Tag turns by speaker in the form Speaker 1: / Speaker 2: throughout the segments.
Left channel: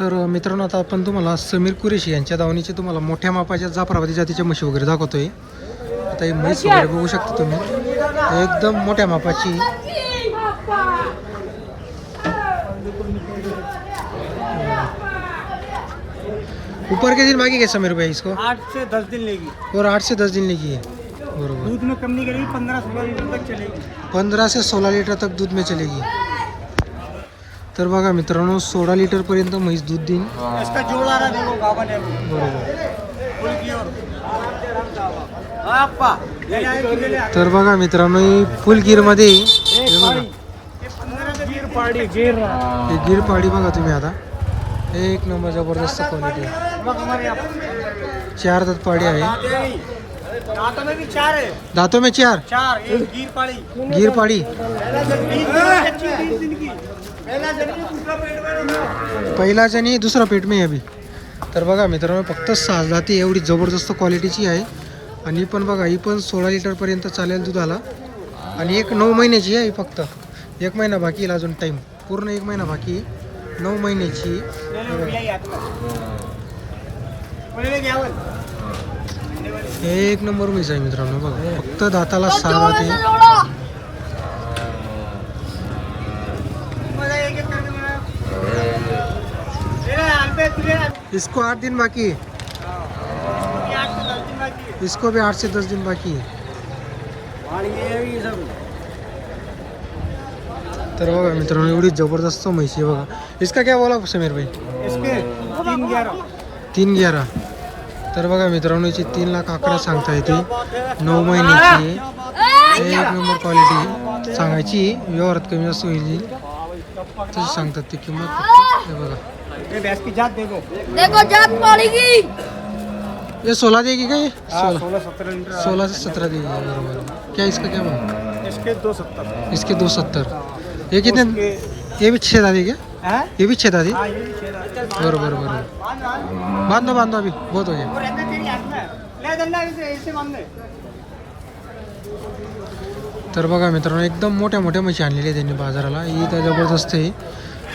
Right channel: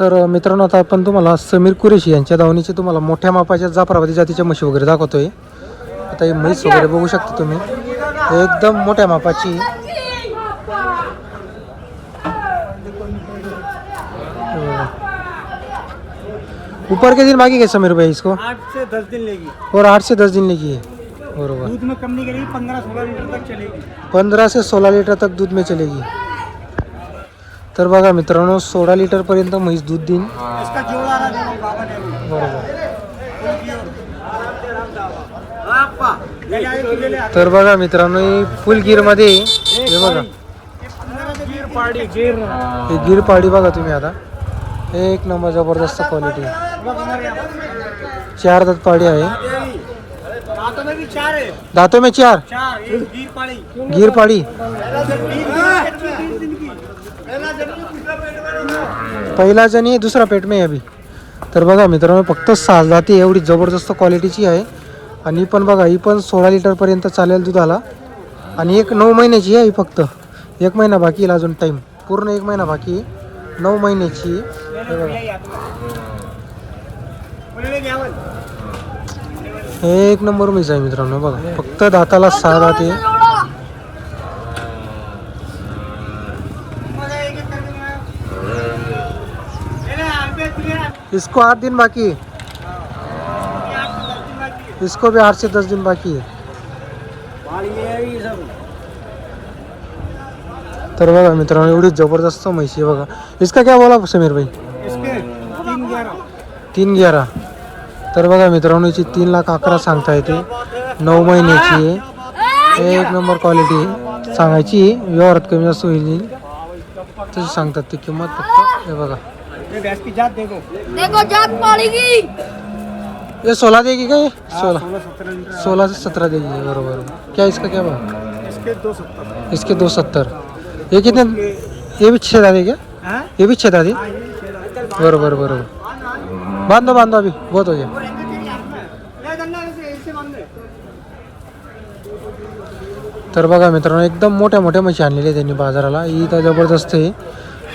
Speaker 1: तर मित्रांनो आता आपण तुम्हाला समीर कुरेशी यांच्या दावणीचे तुम्हाला मोठ्या मापाच्या जाफराबादी जातीच्या म्हशी वगैरे दाखवतोय. आता ही म्हैस वगैरे बघू शकता तुम्ही. एकदम मोठ्या मापाची. ऊपर के दिन बाकी है समीर भाई इसको?
Speaker 2: आठ से दस दिन लेगी.
Speaker 1: और आठ से दस दिन लेगी है. बरोबर.
Speaker 2: दूध में कम नहीं करेगी पंद्रह सोलह लीटर तक चलेगी.
Speaker 1: पंधरा ते सोळा लिटर तक दूध में चलेगी. तर बघा मित्रांनो सोळा लिटर पर्यंत म्हैस दूध देईन. बरोबर. तर बघा मित्रांनो फुल गिरमध्ये हे बघा. हे गिर पाडी बघा तुम्ही आता. एक नंबर जबरदस्त क्वालिटी चार दात पाडी आहे.
Speaker 2: दांतों में भी चार
Speaker 1: दातों में चार
Speaker 2: चार एक गिर पाड़ी पहिला
Speaker 1: जणी दुसरा पेट में आहे अभी. तर बघा मित्रांनो फक्त सहा जाती एवढी जबरदस्त क्वालिटीची आहे. आणि पण बघा ही पण सोळा लिटरपर्यंत चालेल दुधाला. आणि एक नऊ महिन्याची आहे ही फक्त. एक महिना बाकी येईल अजून टाईम पूर्ण एक महिना बाकी नऊ महिन्याची. हे एक नंबर मीच आहे मित्रांनो बघा. फक्त दाताला सहा दाते इसको आठ दिन बाकी है। इसको भी आठ से दस दिन बाकी है। तर बघा मित्रांनो एवढी जबरदस्त आहे बघा. इसका क्या बोला समीर भाई?
Speaker 2: इसके तीन ग्यारह.
Speaker 1: तीन ग्यारा तर बघा मित्रांनो हिची तीन लाख अकरा सांगता येते. नऊ महिन्याची आहे. एक नंबर क्वालिटी आहे. सांगायची व्यवहारात कमी जास्त होईल तशी सांगतात ती किंमत फक्त. हे बघा.
Speaker 2: ये भैंस की जात देखो।
Speaker 3: देखो जात पड़ेगी।
Speaker 1: ये सोलह देगी क्या ये?
Speaker 2: हाँ,
Speaker 1: सोलह।
Speaker 2: सोलह सत्रह लीटर
Speaker 1: सोलह से सत्रह देगी बरोबर। क्या इसका क्या भाव?
Speaker 2: इसके दो सत्तर।
Speaker 1: इसके दो सत्तर। ये कितने ये भी छः दादी क्या? ये भी छः दादी?
Speaker 2: हाँ।
Speaker 1: बरोबर बरोबर। बांधो बांधो अभी। बहुत हो गया।
Speaker 2: तेरी हाथ में है। ले डंडा इसे इसे बाँध दे।
Speaker 1: तर बघा मित्रांनो एकदम मोठ्या मोठ्या म्हशी आणलेली आहे त्यांनी बाजाराला. ही तर ज़बरदस्त आहे.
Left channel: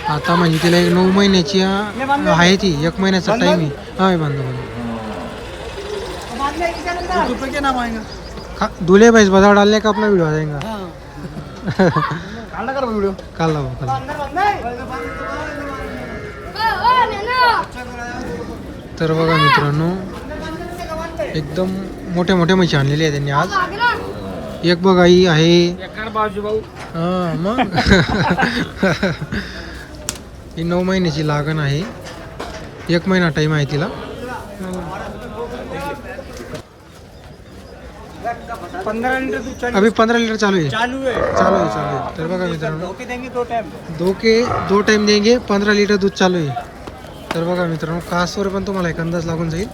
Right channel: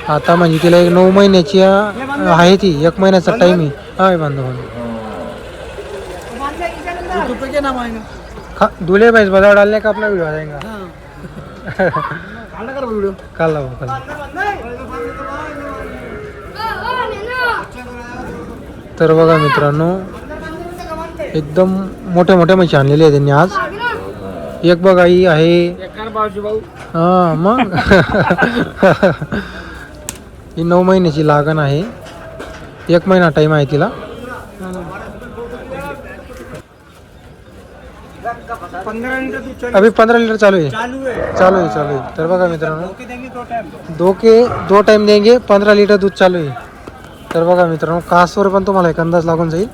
Speaker 1: आता म्हणजे तिला एक नऊ महिन्याची आहे ती एक महिन्याचा टाइम आहे बांधो बांधो
Speaker 2: तो बांध ले इसे डंडा यूट्यूब पे क्या नाम आएगा
Speaker 1: खा दूल्हे भैंस बाजार डालने का? अपना वीडियो आ जाएगा
Speaker 2: हाँ काला
Speaker 1: काल लावू काल तर बघा मित्रांनो एकदम मोठ्या मोठ्या म्हशी आणलेली आहे त्यांनी आज. एक बघा ही आहे हा मग. ही नऊ महिन्याची लागण आहे. एक महिना टाईम आहे तिला. अभी पंधरा लिटर चालू आहे.
Speaker 2: चालू है
Speaker 1: चालू आहे चालू आहे. तर बघा मित्रांनो.
Speaker 2: दो टाइम
Speaker 1: दो के दो टाइम देंगे पंधरा लिटर दूध चालू आहे. तर बघा मित्रांनो कासवर पण तुम्हाला एक अंदाज लागून जाईल.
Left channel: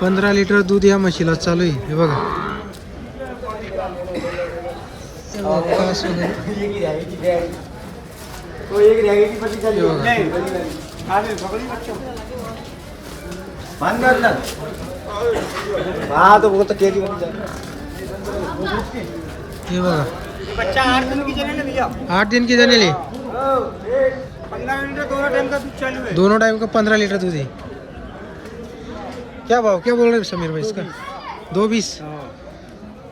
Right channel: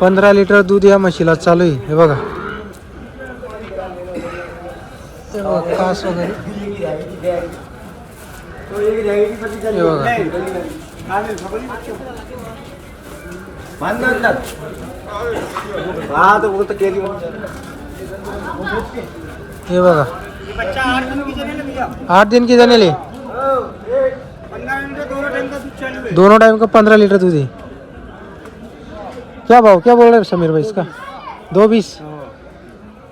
Speaker 1: पंधरा लिटर दूध या म्हशीला चालू आहे. हे बघा हे बघा, कास वगैरे.
Speaker 2: तो एक जाएगी पति चली
Speaker 1: ये
Speaker 2: खाने खबर बच्चों। बाँध अंदर हाँ तो वो तो केली
Speaker 1: हे। बघा
Speaker 2: बच्चा आठ दिन की भैया
Speaker 1: आठ दिन की जानेले
Speaker 2: पंद्रह लीटर दोनों टाइम का दूध चालू है
Speaker 1: दोनों टाइम का पंद्रह लीटर दूध है। क्या भाव क्या बोल रहे समीर भाई इसका? दो बीस?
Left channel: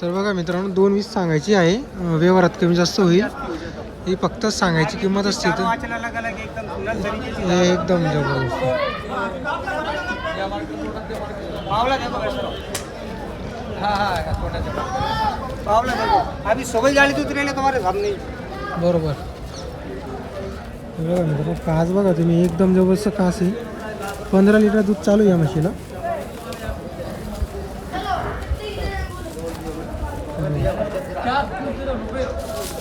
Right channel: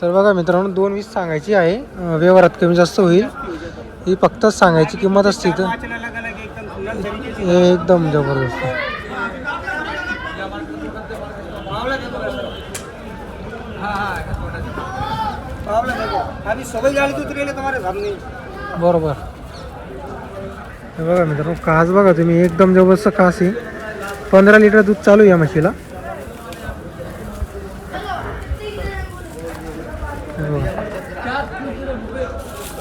Speaker 1: तर बघा मित्रांनो दोन वीस सांगायची आहे. अं, व्यवहारात कमी जास्त होईल. ही फक्त सांगायची किंमत असते तर
Speaker 2: हे एकदम जबरदस्त. बरोबर. हे बघा मित्र
Speaker 1: कास बघा तुम्ही एकदम जबरदस्त कास आहे. पंधरा लिटर दूध चालू या म्हशीला.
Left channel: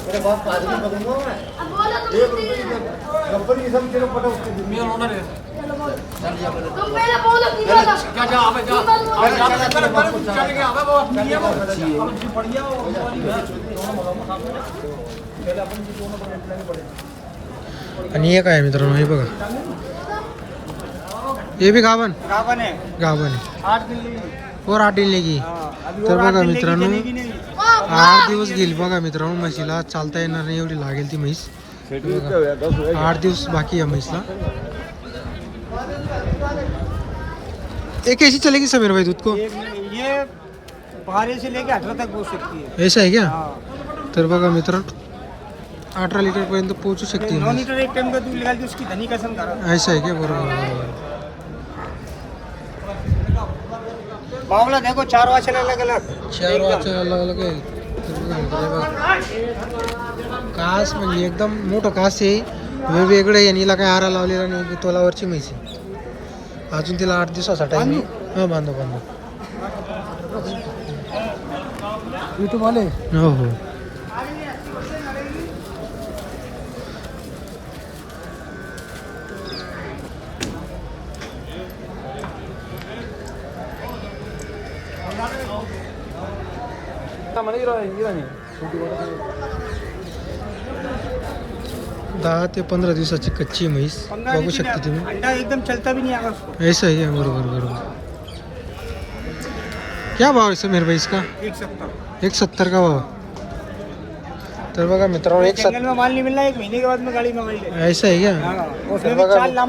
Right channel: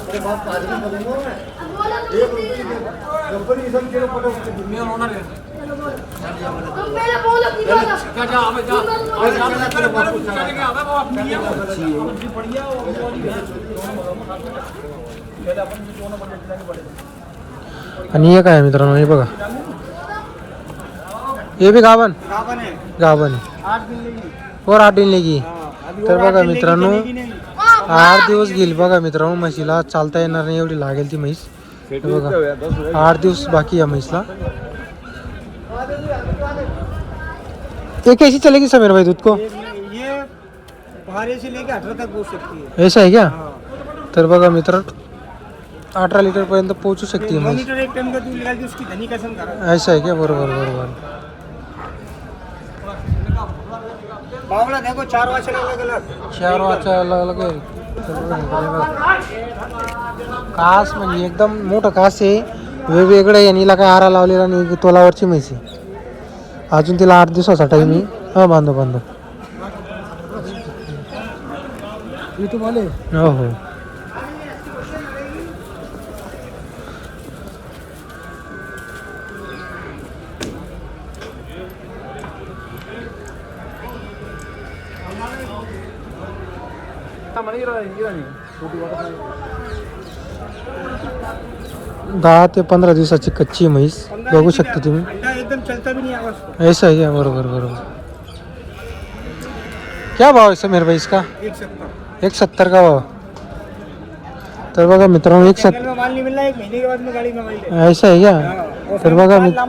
Speaker 2: पावला देखो बस हाँ हाँ पावला देखो अभी सोगल जाली दूध ले तुम्हारे सामने ही।
Speaker 1: बरोबर हे बघा मित्रांनो कास बघा तुम्ही एकदम जबरदस्त कास आहे पंधरा लिटर दूध चालू आहे या म्हशीला हे बघा. आणि हे। काय आहे मित्रांनो हे बघा हे बी गावन
Speaker 2: गावन है।
Speaker 1: गावन आहे
Speaker 2: आठ दिन लेगी।
Speaker 1: वर आठ दिन लेगी?
Speaker 2: हाँ, अभी
Speaker 1: तर
Speaker 2: आठ
Speaker 1: बघा मित्रांनो, आठ दिवस घेईल बघा मित्रांनो म्हशीला चालता येणार नाही एवढी लागेल ती म्हैस. बघा आठ दिवस बाकी या म्हैसला. ये कैसी चलेगी समीर भाई दूध को?
Speaker 2: ये बारह से लेके अठारह तक पहुँच सकती है।
Speaker 1: ऐसा आहे क्या?
Speaker 2: हाँ।
Speaker 1: तर बघा मित्र अठरा लिटर पर्यंत पोहोचू शकते
Speaker 2: लीटर एक टाइम का दूध निकाल उसकी धनी कसम
Speaker 1: ऐसा आहे क्या? बरोबर बरोबर.
Speaker 2: बावला देखो चार वाचे अलग अलग
Speaker 1: चार वाचा अलग अलग आहे तर बघा मित्र, हे बघा. कास म्हणजे एकदम मोठं कास आहे. वेगवेगळं आहे आणि हिला काय आरा लावलेला नाही तोलावरची म्हैस आहे. अजून तिला आठ दिवसाचा टाईम आहे. हा बांधो बांधो.
Speaker 2: युट्यूब वाले?
Speaker 1: हो हो. दहा ते पंधरा दिवसाची कच्ची म्हैस बघू शकता तुम्ही.
Speaker 2: अंडा एकदम चलता भी नहीं आगा उसको
Speaker 1: ऐसा ही है बरोबर बरोबर. क्या भाव आहे समीर भाई इसका?
Speaker 2: एक
Speaker 1: सत्तर. का भाव? तर बघा मित्रांनो एक सत्तर
Speaker 2: में माल नहीं मिल रहा एक महीने के बाद में गाड़ी मंगाई ले
Speaker 1: ऐसा आहे का तर बघा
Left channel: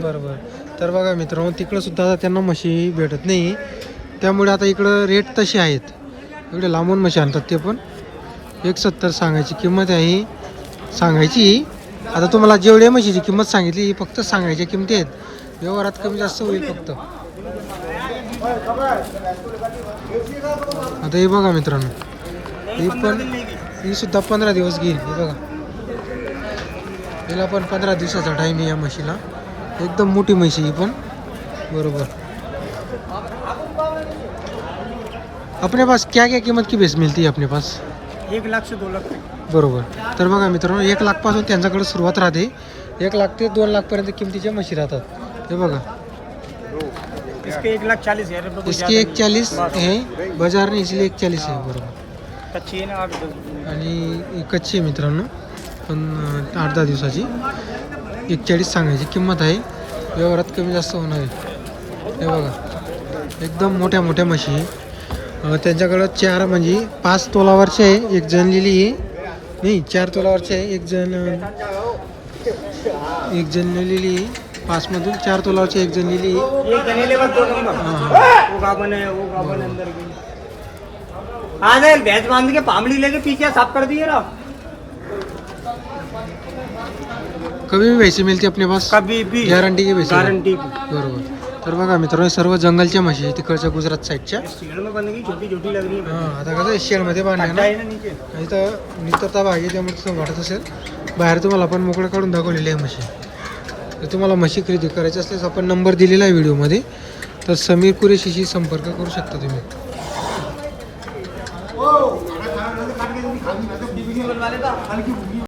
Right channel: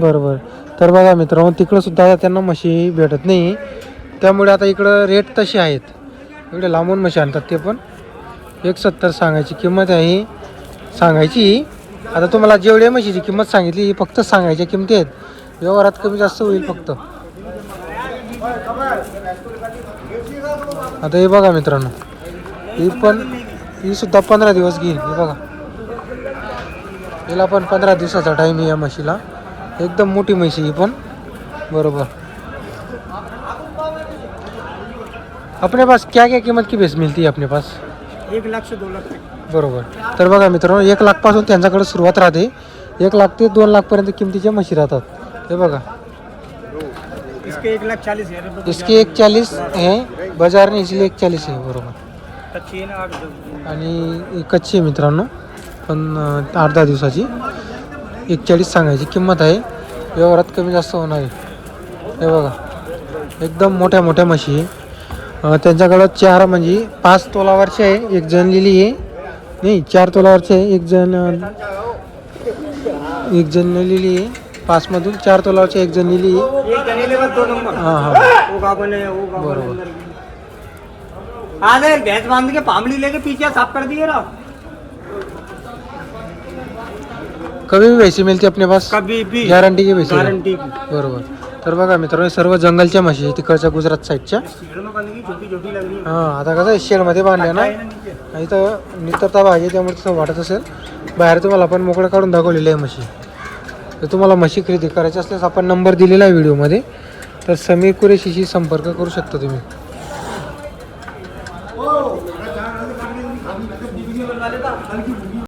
Speaker 1: बरोबर. तर बघा मित्रांनो तिकडं सुद्धा आता त्यांना म्हशी भेटत नाही. त्यामुळे आता इकडं रेट तसे आहेत. इकडे लांबून म्हशी आणतात ते पण. एक सत्तर सांगायची किंमत आहे सांगायची आता तुम्हाला जेवढ्या म्हशीची किंमत सांगितली ही फक्त सांगायच्या किमती आहेत. व्यवहारात कमी जास्त होईल फक्त. आता हे बघा मित्रांनो. ही पण ही सुद्धा पंधरा दिवस घेईल. हे बघा. हिला पण पंधरा दिवसाचा टाईम आहे या म्हशीला. एकदम मोठी म्हशी ही पण. बरोबर. अपने पास क्या क्या कीमत की भैंस मिलती है अपने पास?
Speaker 2: एक लाख से दो लाख तक.
Speaker 1: बरोबर. तर बघा मित्रांनो एक लाखपासून त्यांच्याकडे सुरुवात राहते. एक लाख ते दोन लाखपर्यंत किमतीच्या म्हशी राहतात. हे बघा.
Speaker 2: इसके एक लाख चालीस हजार रुपये
Speaker 1: इसकी एक चालीस आहे बाजार नाही इसलिए एक चालीस आहे बरोबर.
Speaker 2: कच्ची ना आठ दस-
Speaker 1: आणि कच्ची आहे मित्रांनो पण अं, आठ दहा दिवसाची. एक चाळीस सांगायची किंमत आहे. व्यवहारात कमी जास्त होणार आहे. हे बघा. एकदम मोठ्या मोठ्या म्हशी आहे. त्यांच्याकडं चार म्हणजे पाच तोलावरचे आहे एक जनलेली आहे. नाही चार तोलावरचे आहे एक जण एक जनलेली आहे. पाचमधून चार तोलावरचे एक
Speaker 2: दो नंबर
Speaker 1: हां हां.
Speaker 2: भैंस बांध के पामली लेके पीछे साफ कर दिए ना.
Speaker 1: कमी भी भैंसी मिळते अपने पास?
Speaker 2: कभी भी।
Speaker 1: गॅरंटी की भैंसी
Speaker 2: गारंटी की।
Speaker 1: बरोबर। तर बघा मित्रांनो सर्व जंगलच्या म्हशी तिकडच्या गुजरात साईडच्या.
Speaker 2: हां
Speaker 1: आता कसं आहे शेडमध्ये बांधल्या ना? आणि तर नितरता भाग आहे त्यामुळे तसं वाटत असेल. बाहेर तुम्हाला आपण मोकळं काढून दाखवलेली आहे म्हशी. तर तुम्हाला म्हशी खरेदी करायची असल्यास आपण नंबर दिलेला आहे व्हिडिओमध्ये. तर समीर कुरेशीशी संपर्क करू शकता तुम्ही.